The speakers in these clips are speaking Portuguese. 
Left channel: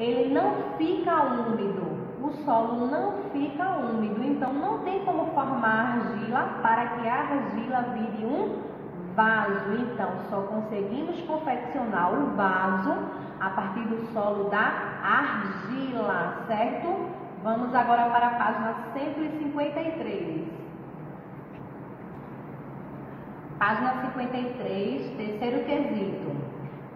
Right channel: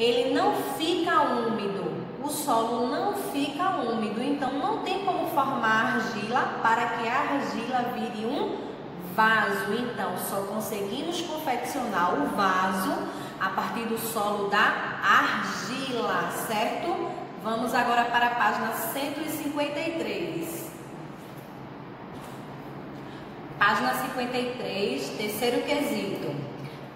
ele não fica úmido, o solo não fica úmido, então não tem como formar argila para que a argila vire um vaso. Então, só conseguimos confeccionar o vaso a partir do solo da argila, certo? Vamos agora para a página 153. Página 53, terceiro quesito.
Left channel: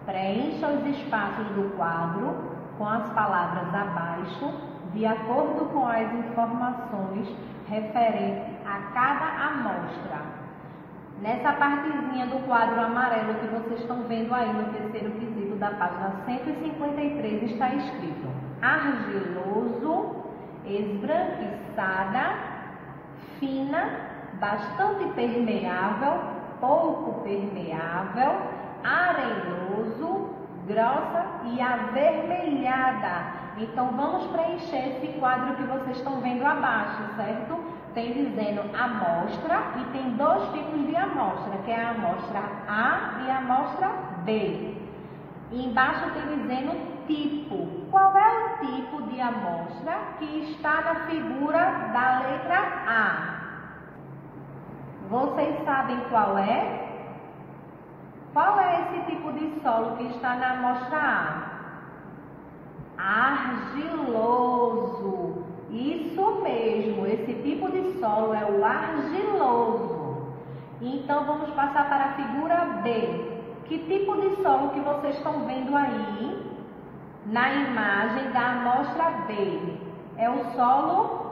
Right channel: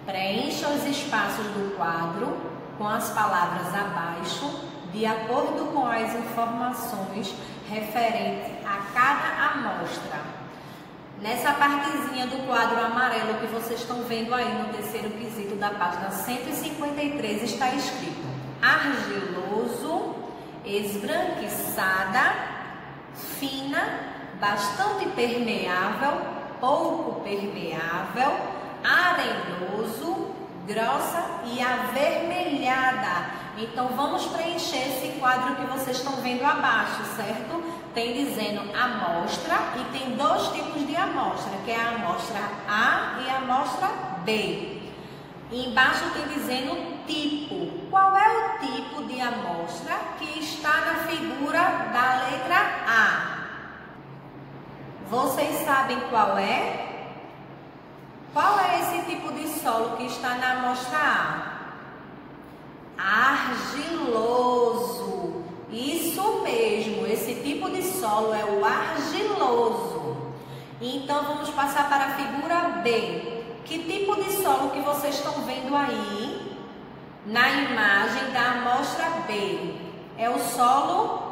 Preencha os espaços do quadro com as palavras abaixo, de acordo com as informações referentes a cada amostra. Nessa partezinha do quadro amarelo que vocês estão vendo aí no terceiro quesito da página 153 está escrito: argiloso, esbranquiçada, fina, bastante permeável, pouco permeável, arenoso, grossa e avermelhada. Então, vamos preencher esse quadro que vocês estão vendo abaixo, certo? Tem dizendo amostra e tem dois tipos de amostra, que é a amostra A e a amostra B. E embaixo tem dizendo tipo. Qual é o tipo de amostra que está na figura da letra A? Vocês sabem qual é? Qual é esse tipo de solo que está na amostra A? Argiloso. Isso mesmo, esse tipo de solo é o argiloso. Então, vamos passar para a figura B. Que tipo de solo que vocês estão vendo aí na imagem da amostra B? É o solo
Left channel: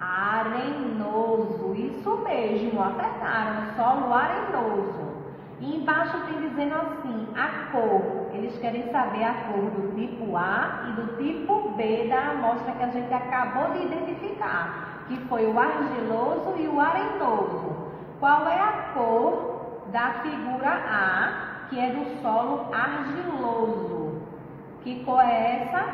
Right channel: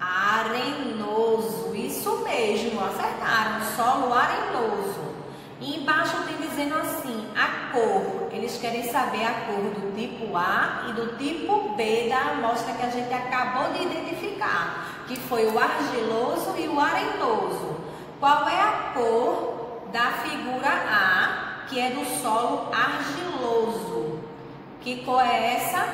arenoso. Isso mesmo, acertaram, solo arenoso. E embaixo tem dizendo assim, a cor. Eles querem saber a cor do tipo A e do tipo B da amostra que a gente acabou de identificar, que foi o argiloso e o arenoso. Qual é a cor da figura A, que é do solo argiloso? Que cor é essa?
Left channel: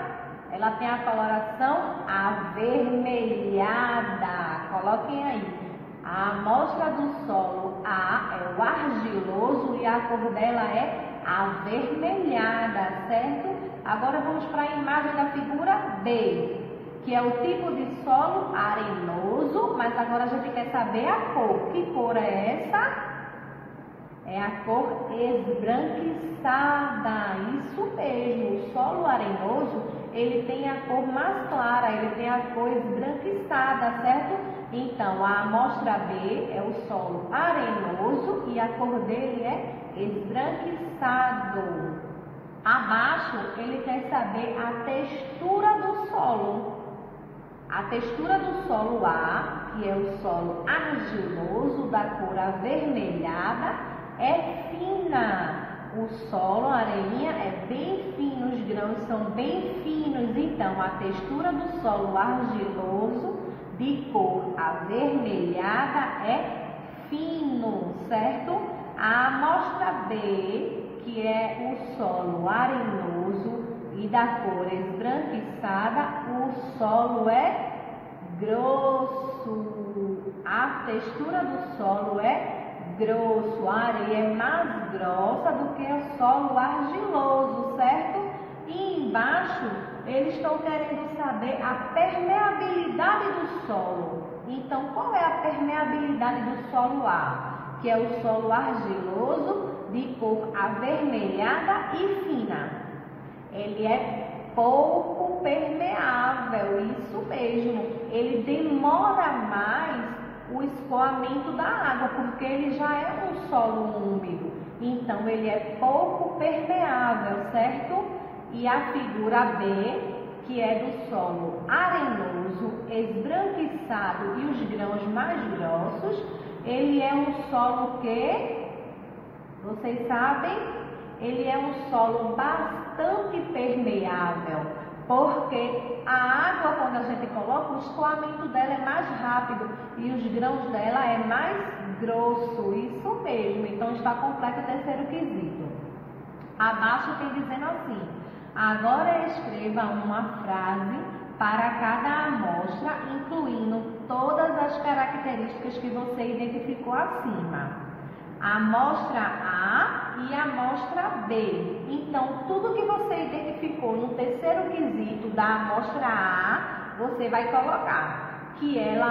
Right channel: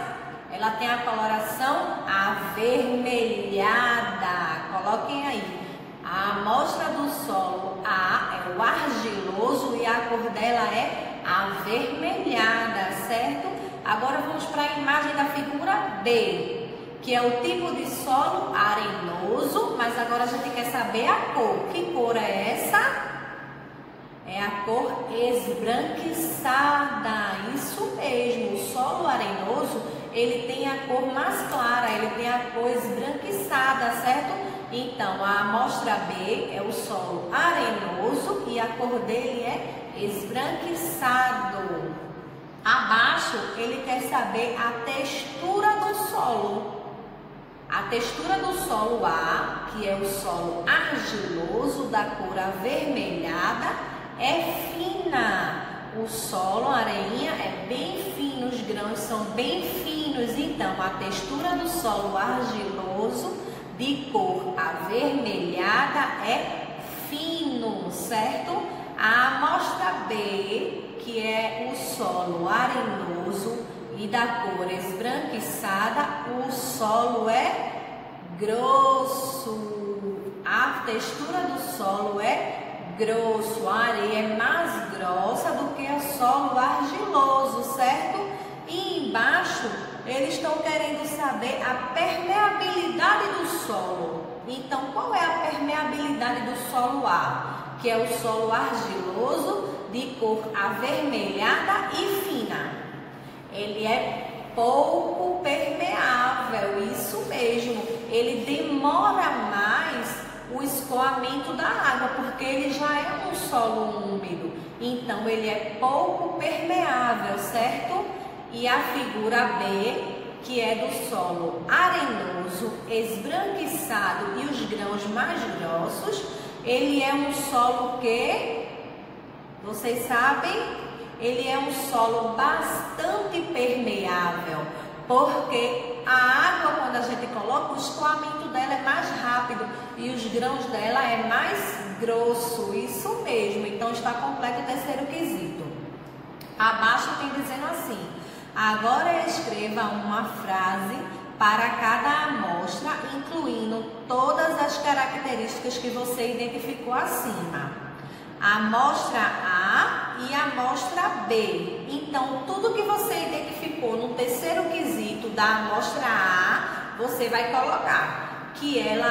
Ela tem a coloração avermelhada. Coloquem aí. A amostra do solo A é o argiloso e a cor dela é avermelhada, certo? Agora vamos para a imagem da figura B, que é o tipo de solo arenoso, mas agora a gente quer saber a cor. Que cor é essa? É a cor esbranquiçada, isso mesmo. O solo arenoso, ele tem a cor mais clara, ele tem a cor esbranquiçada, certo? Então, a amostra B é o solo arenoso e a cor dele é esbranquiçado. Abaixo, ele quer saber a textura do solo. A textura do solo A, que é o solo argiloso da cor avermelhada, é fina. O solo, a areinha, é bem fino, os grãos são bem finos. Então, a textura do solo argiloso de cor avermelhada é fino, certo? A amostra B, que é o solo arenoso e da cor esbranquiçada, o solo é grosso. A textura do solo é grosso, a areia é mais grossa do que o solo argiloso, certo? E embaixo eles estão querendo saber a permeabilidade do solo. Então, qual é a permeabilidade do solo A? Que é o solo argiloso de cor avermelhada e fina. Ele é pouco permeável, isso mesmo. Ele demora mais o escoamento da água, porque ele já é um solo úmido. Então, ele é pouco permeável, certo? E a figura B, que é do solo arenoso, esbranquiçado e os grãos mais grossos, ele é um solo que, vocês sabem, ele é um solo bastante permeável, porque a água, quando a gente coloca, o escoamento dela é mais rápido e os grãos dela é mais grosso, isso mesmo. Então, está completo o terceiro quesito. Abaixo tem dizendo assim: agora escreva uma frase para cada amostra, incluindo todas as características que você identificou acima. A amostra A e a amostra B. Então, tudo que você identificou no terceiro quesito da amostra A, você vai colocar que ela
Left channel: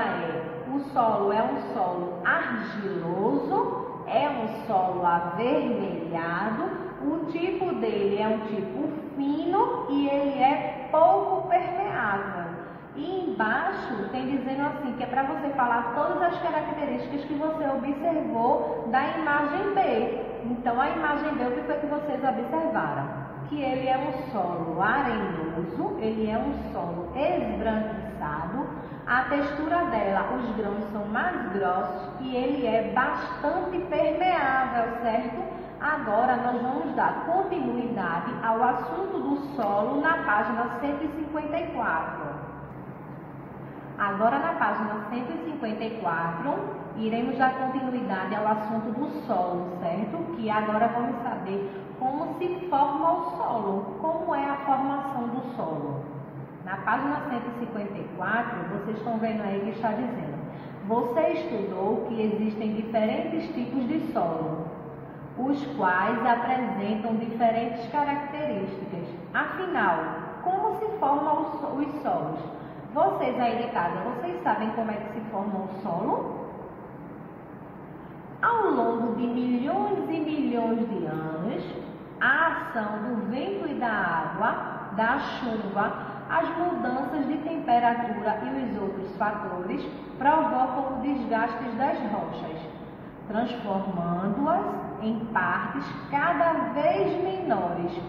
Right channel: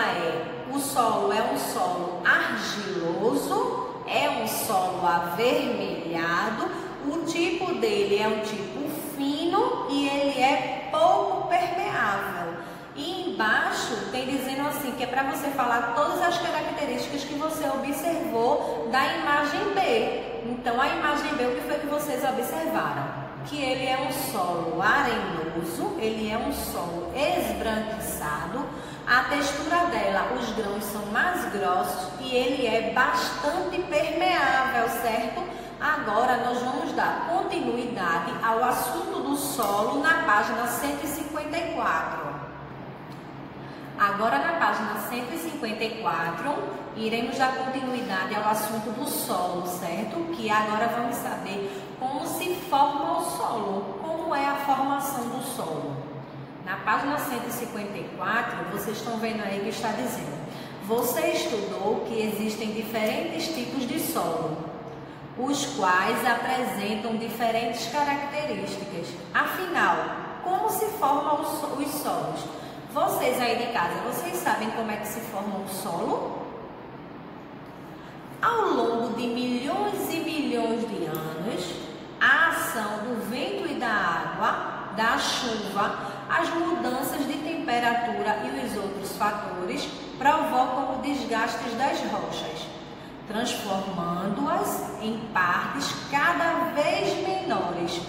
o solo é um solo argiloso, é um solo avermelhado, o tipo dele é um tipo fino e ele é pouco permeável. E embaixo tem dizendo assim, que é para você falar todas as características que você observou da imagem B. Então, a imagem B, o que foi que vocês observaram? Que ele é um solo arenoso, ele é um solo esbranquiçado, a textura dela, os grãos são mais grossos e ele é bastante permeável, certo? Agora, nós vamos dar continuidade ao assunto do solo na página 154. Agora, na página 154, iremos dar continuidade ao assunto do solo, certo? Que agora vamos saber como se forma o solo, como é a formação do solo. Na página 154, vocês estão vendo aí que está dizendo: você estudou que existem diferentes tipos de solo, os quais apresentam diferentes características. Afinal, como se formam os solos? Vocês aí de casa, vocês sabem como é que se forma o solo? Ao longo de milhões e milhões de anos, a ação do vento e da água, da chuva, as mudanças de temperatura e os outros fatores provocam o desgaste das rochas, transformando-as em partes cada vez menores.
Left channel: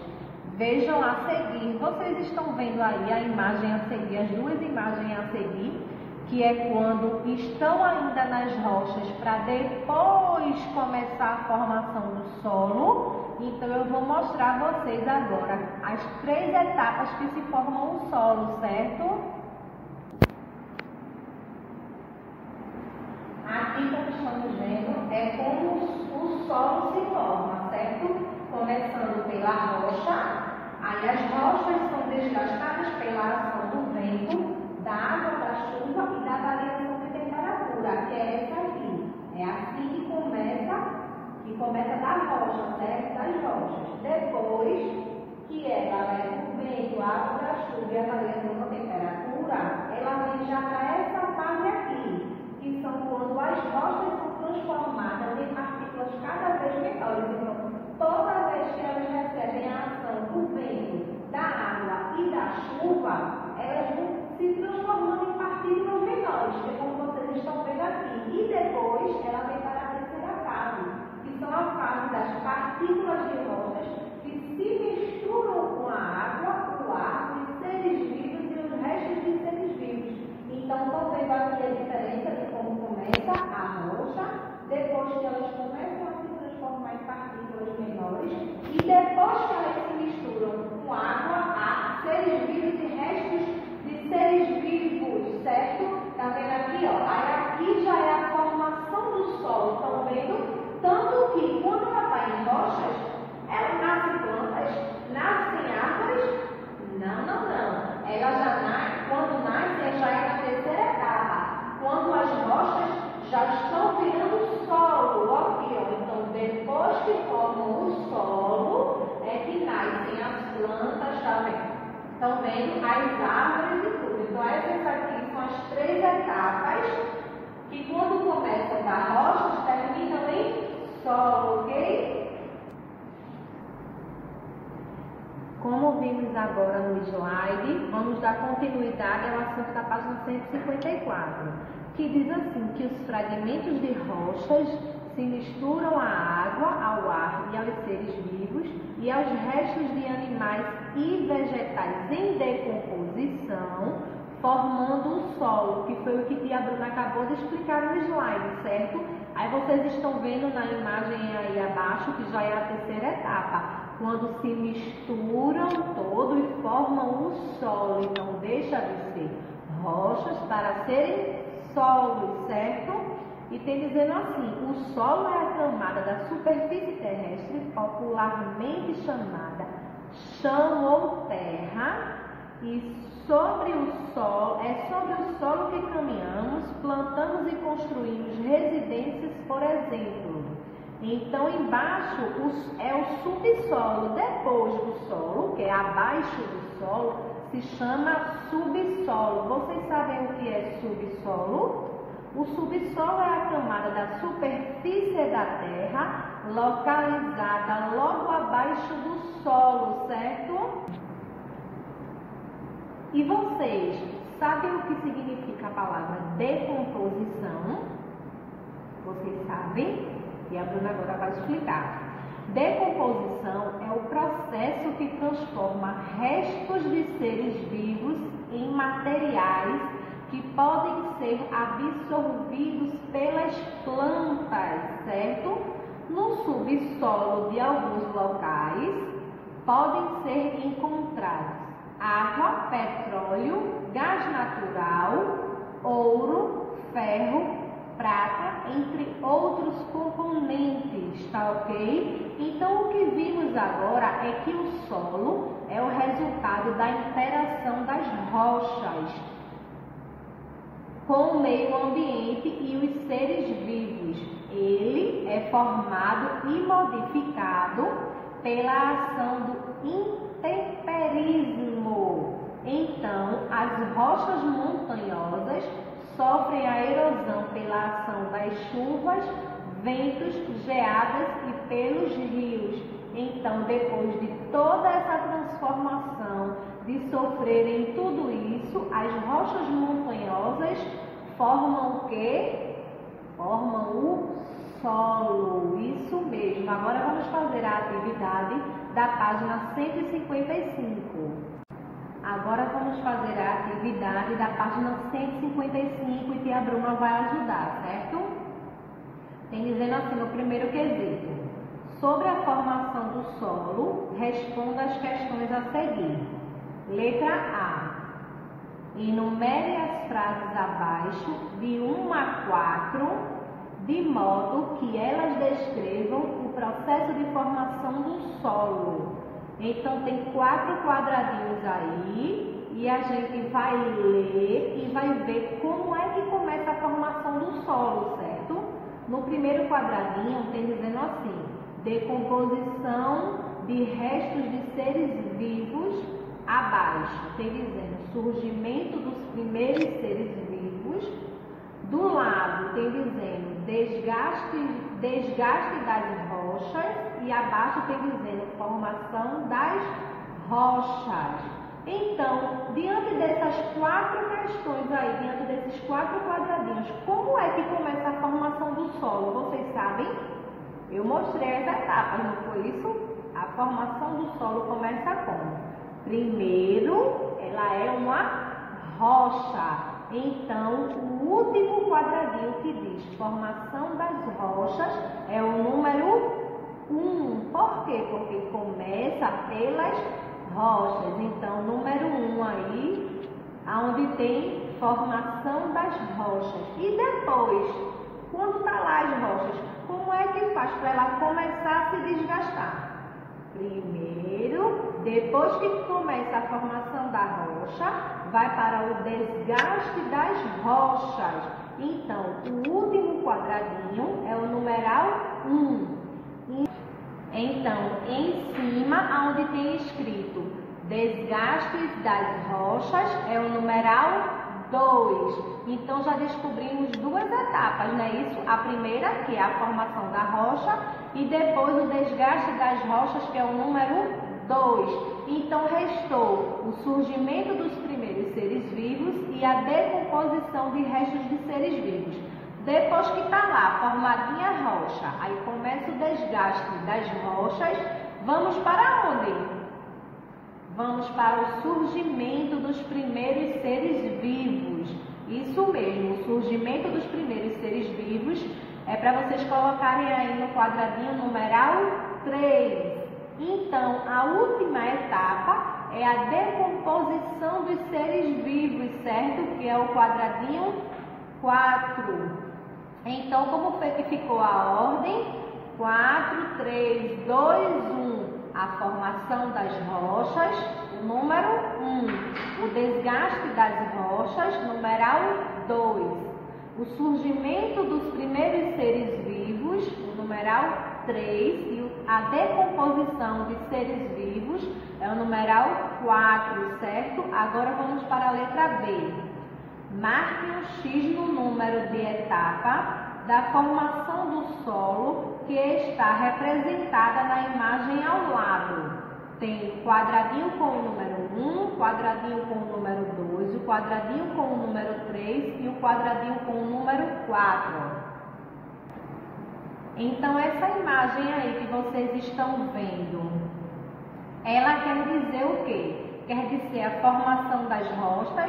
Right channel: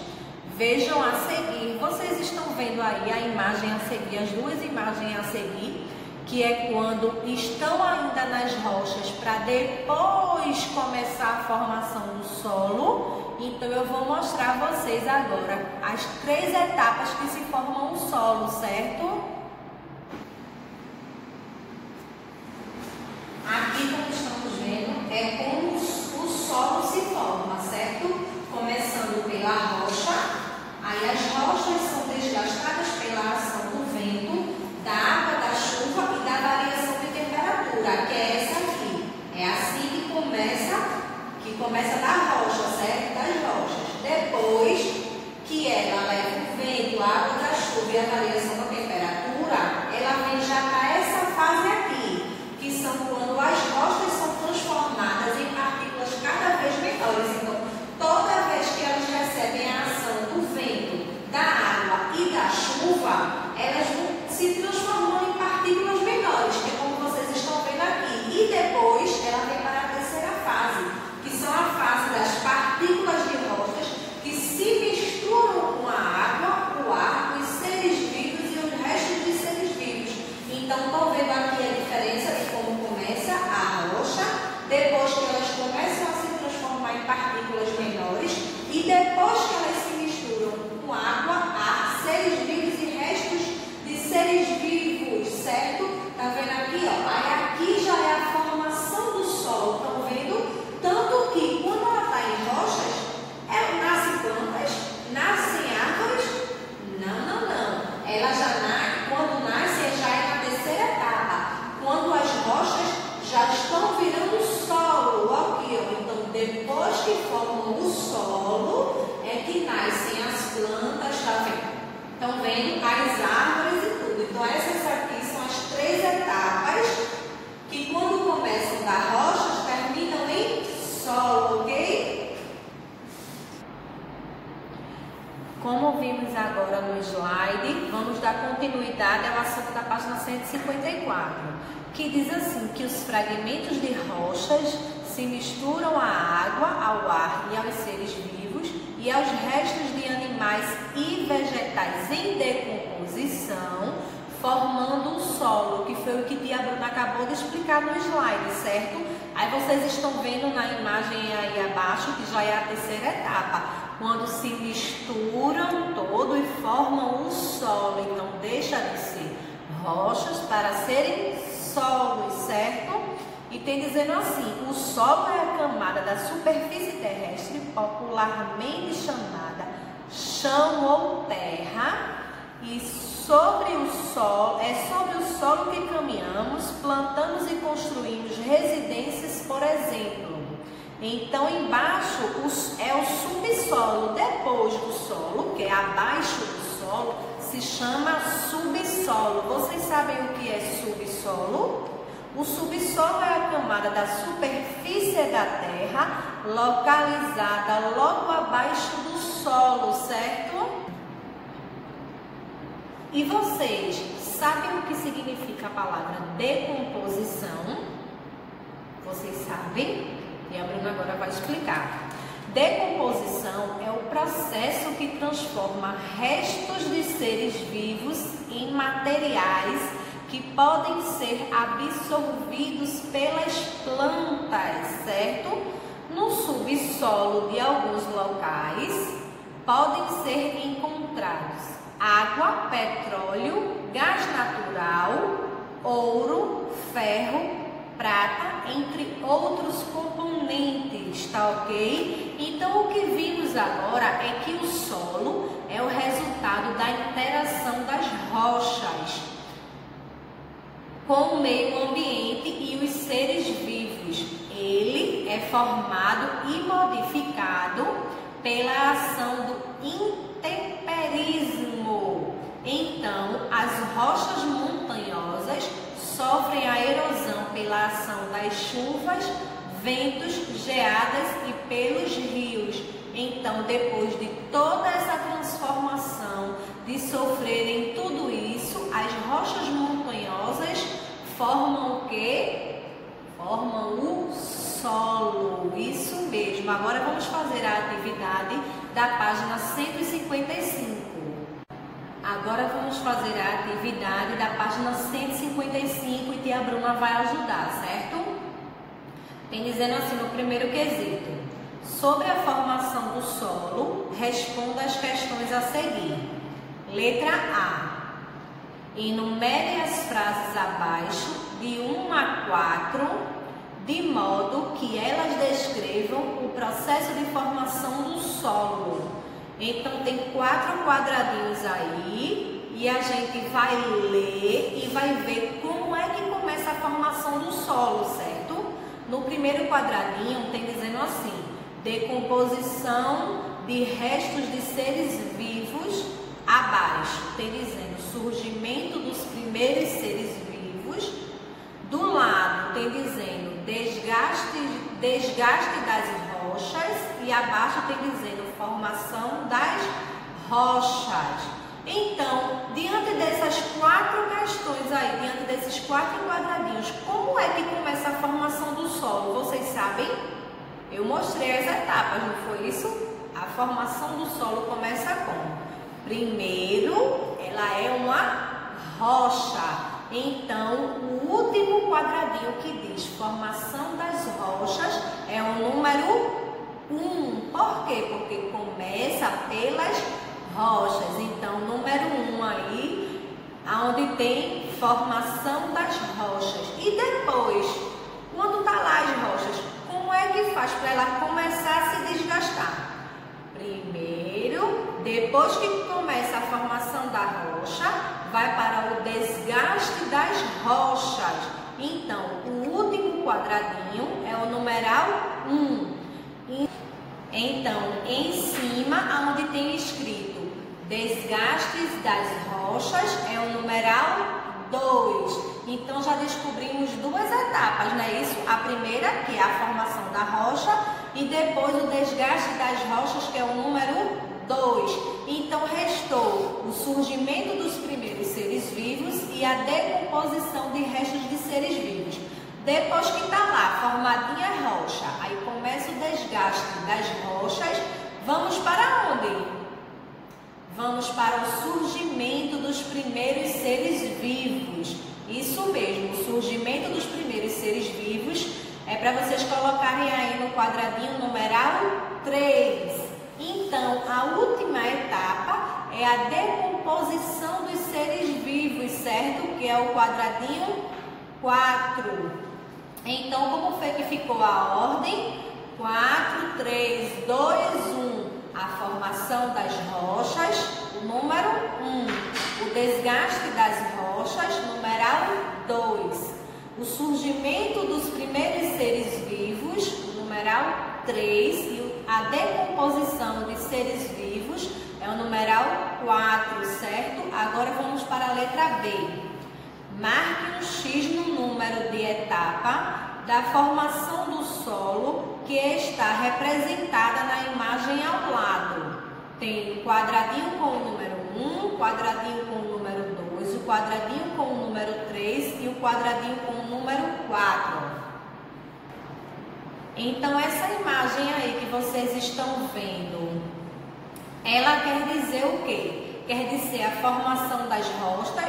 Vejam a seguir, vocês estão vendo aí a imagem a seguir, as duas imagens a seguir, que é quando estão ainda nas rochas para depois começar a formação do solo. Então, eu vou mostrar a vocês agora as 3 etapas que se formam o solo, certo? Aqui, como estamos vendo, é como o solo se forma, certo? Começando pela rocha. Aí as rochas são desgastadas pela ação do vento, da água, da chuva e da variação de temperatura, que é essa aqui. É assim que começa da rocha, certo? Das rochas. Depois que ela leva o vento, a água da chuva e a variação da temperatura, ela vem já para essa fase aqui, que são quando as rochas são transformadas em partículas cada vez menores. Então, toda vez que elas recebem a ação do vento, da água e da chuva, elas vão se transformando em partículas menores, que é como vocês estão vendo aqui. E depois ela vem para a terceira fase, que são a fase das partículas de rochas que se misturam com a água, o ar, os seres vivos e os restos de seres vivos. Então, estão vendo aqui a diferença de como começa a rocha, depois que elas começam a se transformar em partículas menores e depois que elas se misturam com água, ar, seres vivos e restos de seres vivos, certo? Tá vendo aqui, ó? Aí aqui já é a formação do solo, estão vendo? Tanto que quando ela está em rochas, nascem plantas, nascem árvores? Não. Ela já nasce, quando nasce, já é na terceira etapa. Quando as rochas já estão virando solo, aqui, ó. Então, depois que formam o solo, é que nascem as plantas, tá vendo? Estão vendo as árvores e tudo. Então, essas aqui são as 3 etapas que, quando começam da rocha, terminam em solo, ok? Como vimos agora no slide, vamos dar continuidade ao assunto da página 154, que diz assim, que os fragmentos de rochas se misturam à água, ao ar e aos seres vivos e aos restos de animais e vegetais em decomposição, formando um solo, que foi o que tia Bruna acabou de explicar no slide, certo? Aí vocês estão vendo na imagem aí abaixo que já é a terceira etapa, quando se misturam todo e formam o solo. Então, deixa de ser rochas para serem solos, certo? E tem dizendo assim, o solo é a camada da superfície terrestre, popularmente chamada chão ou terra, e sobre o solo que caminhamos, plantamos e construímos residências, por exemplo. Então, embaixo é o subsolo. Depois do solo, que é abaixo do solo, se chama subsolo. Vocês sabem o que é subsolo? O subsolo é a camada da superfície da terra localizada logo abaixo do solo, certo? E vocês sabem o que significa a palavra decomposição? Vocês sabem? E a Bruna agora vai explicar. Decomposição é o processo que transforma restos de seres vivos em materiais que podem ser absorvidos pelas plantas, certo? No subsolo de alguns locais podem ser encontrados água, petróleo, gás natural, ouro, ferro, prata, entre outros componentes, tá ok? Então, o que vimos agora é que o solo é o resultado da interação das rochas com o meio ambiente e os seres vivos. Ele é formado e modificado pela ação do intemperismo. Então, as rochas montanhosas sofrem a erosão pela ação das chuvas, ventos, geadas e pelos rios. Então, depois de toda essa transformação, de sofrerem tudo isso, as rochas montanhosas formam o quê? Formam o solo. Isso mesmo. Agora vamos fazer a atividade da página 155. Agora vamos fazer a atividade da página 155 e tia Bruna vai ajudar, certo? Tem dizendo assim no primeiro quesito: sobre a formação do solo, responda as questões a seguir. Letra A. Enumere as frases abaixo de 1 a 4, de modo que elas descrevam o processo de formação do solo. Então, tem 4 quadradinhos aí e a gente vai ler e vai ver como é que começa a formação do solo, certo? No primeiro quadradinho tem dizendo assim: decomposição de restos de seres vivos. Abaixo tem dizendo surgimento dos primeiros seres vivos. Do lado tem dizendo desgaste das rochas e abaixo tem dizendo formação das rochas. Então, diante dessas 4 questões aí, diante desses 4 quadradinhos, como é que começa a formação do solo? Vocês sabem? Eu mostrei as etapas, não foi isso? A formação do solo começa como? Primeiro, ela é uma rocha. Então, o último quadradinho que diz formação das rochas é o número 1. Por quê? Porque começa pelas rochas. Então, número 1 aí, onde tem formação das rochas. E depois, quando tá lá as rochas, como é que faz para ela começar a se desgastar? Primeiro, depois que começa a formação da rocha, vai para o desgaste das rochas. Então, o último quadradinho é o numeral 1. Então, em cima, onde tem escrito desgastes das rochas, é o numeral 2. Então, já descobrimos 2 etapas, não é isso? A primeira, que é a formação da rocha, e depois o desgaste das rochas, que é o número 2. Então, restou o surgimento dos primeiros seres vivos e a decomposição de restos de seres vivos. Depois que está lá, formadinha a rocha, aí começa o desgaste das rochas, vamos para onde? Vamos para o surgimento dos primeiros seres vivos. Isso mesmo, o surgimento dos primeiros seres vivos é para vocês colocarem aí no quadradinho numeral 3. Então, a última etapa é a decomposição dos seres vivos, certo? Que é o quadradinho 4. Então, como foi que ficou a ordem? 4, 3, 2, 1. A formação das rochas, o número 1. O desgaste das rochas, numeral 2. O surgimento dos primeiros seres vivos, o numeral 3 e a decomposição de seres vivos é o numeral 4, certo? Agora vamos para a letra B. Marque um X no número de etapa da formação do solo que está representada na imagem ao lado. Tem o quadradinho com o número 1, quadradinho com o número 2, o quadradinho com o número 3 e o quadradinho com o número 4. Então, essa imagem aí que vocês estão vendo, ela quer dizer o quê? Quer dizer a formação das rochas,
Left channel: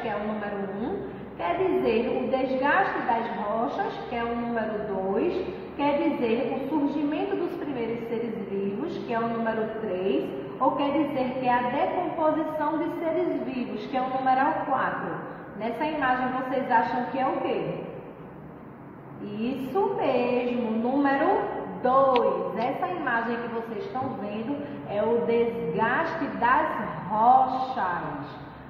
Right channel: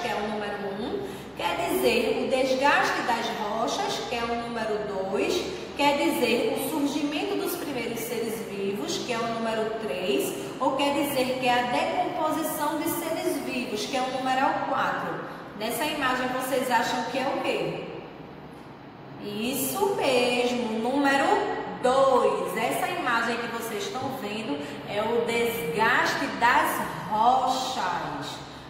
que é o número 1, quer dizer o desgaste das rochas, que é o número 2, quer dizer o surgimento dos primeiros seres vivos, que é o número 3, ou quer dizer que é a decomposição de seres vivos, que é o numeral 4. Nessa imagem vocês acham que é o quê? Isso mesmo, número 2. Essa imagem que vocês estão vendo é o desgaste das rochas.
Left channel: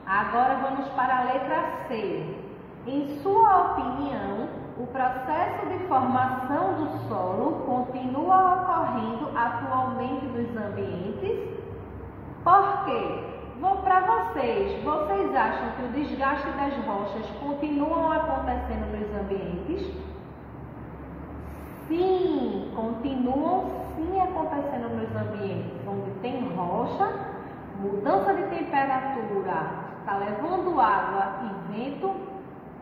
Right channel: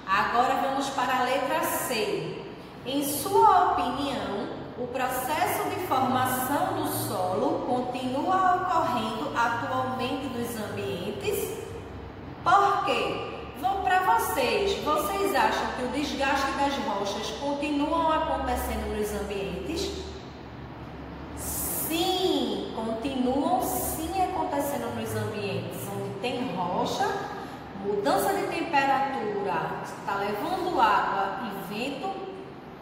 Agora vamos para a letra C. Em sua opinião, o processo de formação do solo continua ocorrendo atualmente nos ambientes? Por quê? Para vocês acham que o desgaste das rochas continuam acontecendo nos ambientes? Sim, continuam sim acontecendo nos ambientes onde tem rocha, mudança de temperatura, está levando água e vento,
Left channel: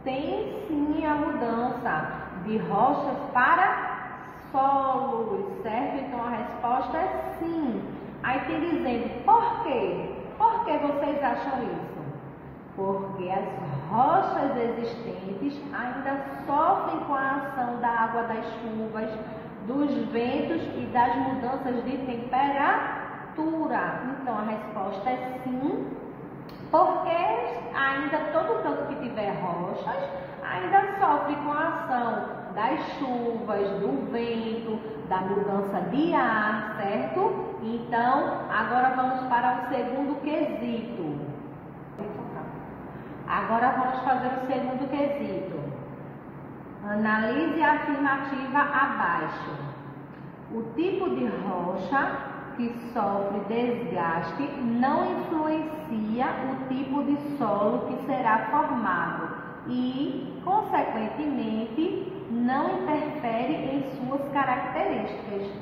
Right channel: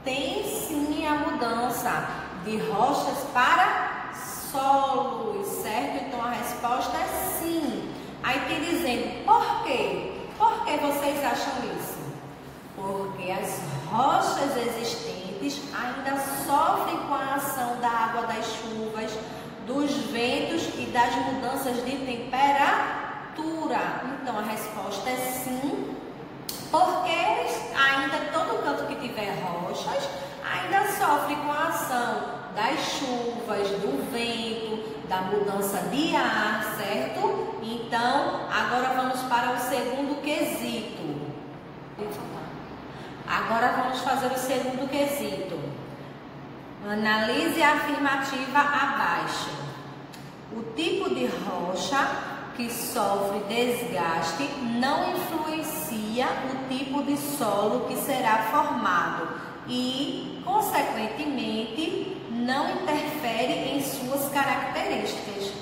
tem sim a mudança de rochas para solos, certo? Então a resposta é sim. Aí tem dizendo, por quê? Por que vocês acham isso? Porque as rochas existentes ainda sofrem com a ação da água das chuvas, dos ventos e das mudanças de temperatura. Então a resposta é sim, porque ainda todo canto que tiver rochas ainda sofre com a ação das chuvas, do vento, da mudança de ar, certo? Então, agora vamos para o segundo quesito. Agora vamos fazer o segundo quesito. Analise a afirmativa abaixo. O tipo de rocha que sofre desgaste não influencia o tipo de solo que será formado e, consequentemente, não interfere em suas características.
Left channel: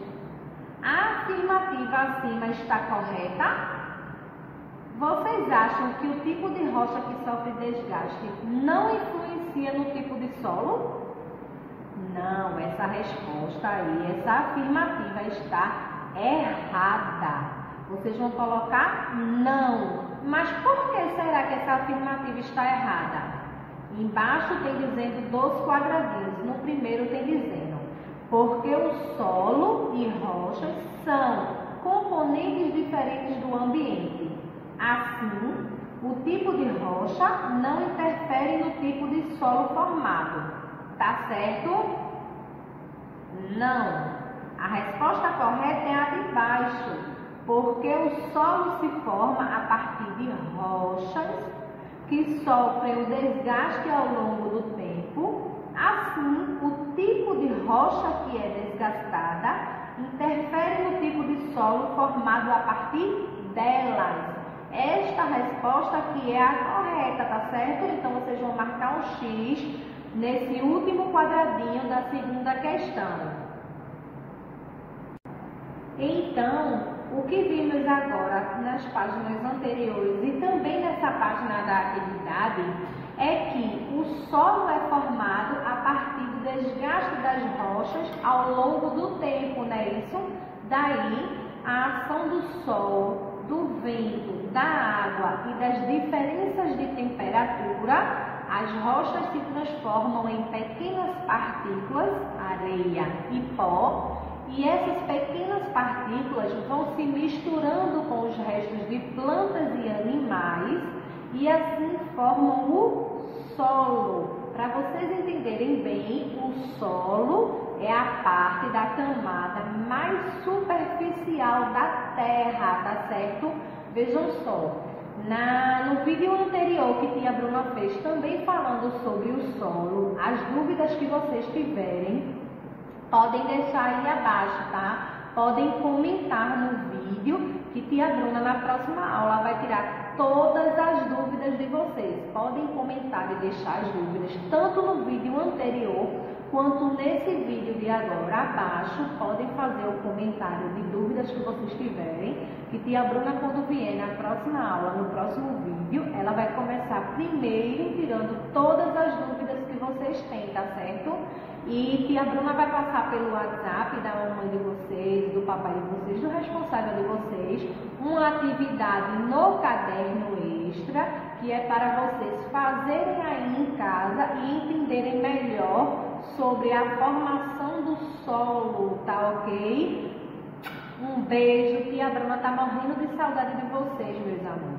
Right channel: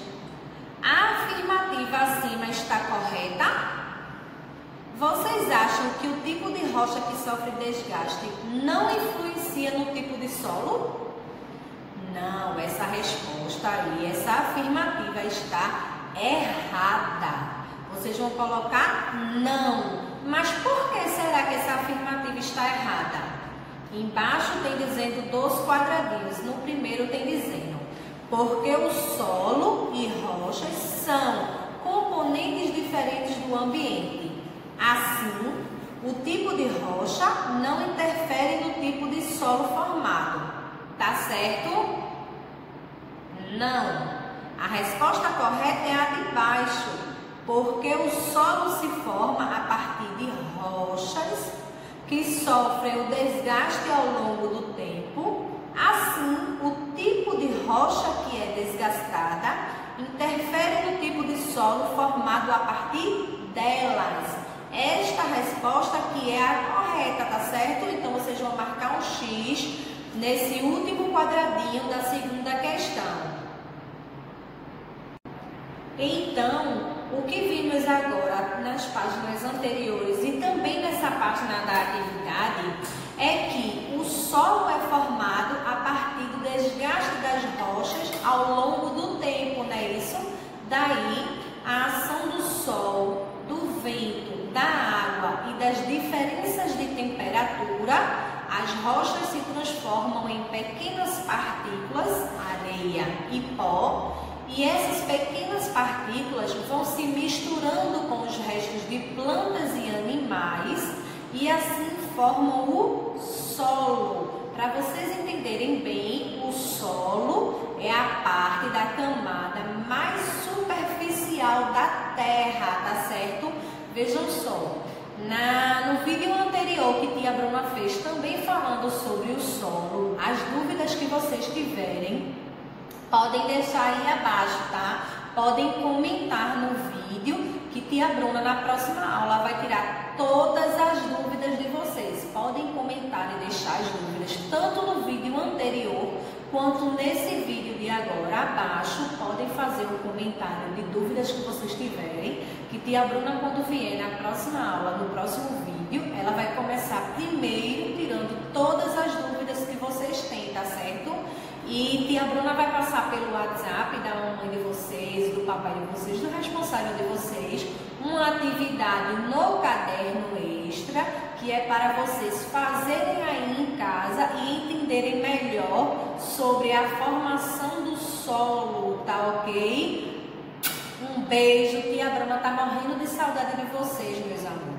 A afirmativa acima está correta? Vocês acham que o tipo de rocha que sofre desgaste não influencia no tipo de solo? Não, essa resposta aí, essa afirmativa está errada. Vocês vão colocar não. Mas por que será que essa afirmativa está errada? Embaixo tem dizendo dos quadradinhos. No primeiro tem dizendo porque o solo e rochas são componentes diferentes do ambiente. Assim, o tipo de rocha não interfere no tipo de solo formado. Tá certo? Não. A resposta correta é a de baixo, porque o solo se forma a partir de rochas que sofrem o desgaste ao longo do tempo. Assim, o tipo de rocha que é desgastada interfere no tipo de solo formado a partir delas. Esta resposta aqui é a correta, tá certo? Então, vocês vão marcar um X nesse último quadradinho da segunda questão. Então, o que vimos agora nas páginas anteriores e também nessa página da atividade é que o solo é formado a partir do desgaste das rochas ao longo do tempo, não é isso? Daí, a ação do sol, do vento, da água e das diferenças de temperatura, as rochas se transformam em pequenas partículas, areia e pó, e essas pequenas partículas vão se misturando com os restos de plantas e animais e assim formam o solo. Para vocês entenderem bem, o solo é a parte da camada mais superficial da terra, tá certo? Vejam só, no vídeo anterior que tia Bruna fez também falando sobre o solo, as dúvidas que vocês tiverem, podem deixar aí abaixo, tá? Podem comentar no vídeo que tia Bruna na próxima aula vai tirar todas as dúvidas de vocês. Podem comentar e deixar as dúvidas tanto no vídeo anterior quanto nesse vídeo de agora abaixo. Podem fazer o comentário de dúvidas que vocês tiverem, que tia Bruna, quando vier na próxima aula, no próximo vídeo, ela vai começar primeiro tirando todas as dúvidas que vocês têm, tá certo? E tia Bruna vai passar pelo WhatsApp da mamãe de vocês, do papai de vocês, do responsável de vocês, uma atividade no caderno extra, que é para vocês fazerem aí em casa e entenderem melhor sobre a formação do solo, tá ok? Um beijo, tia Bruna tá morrendo de saudade de vocês, meus amores.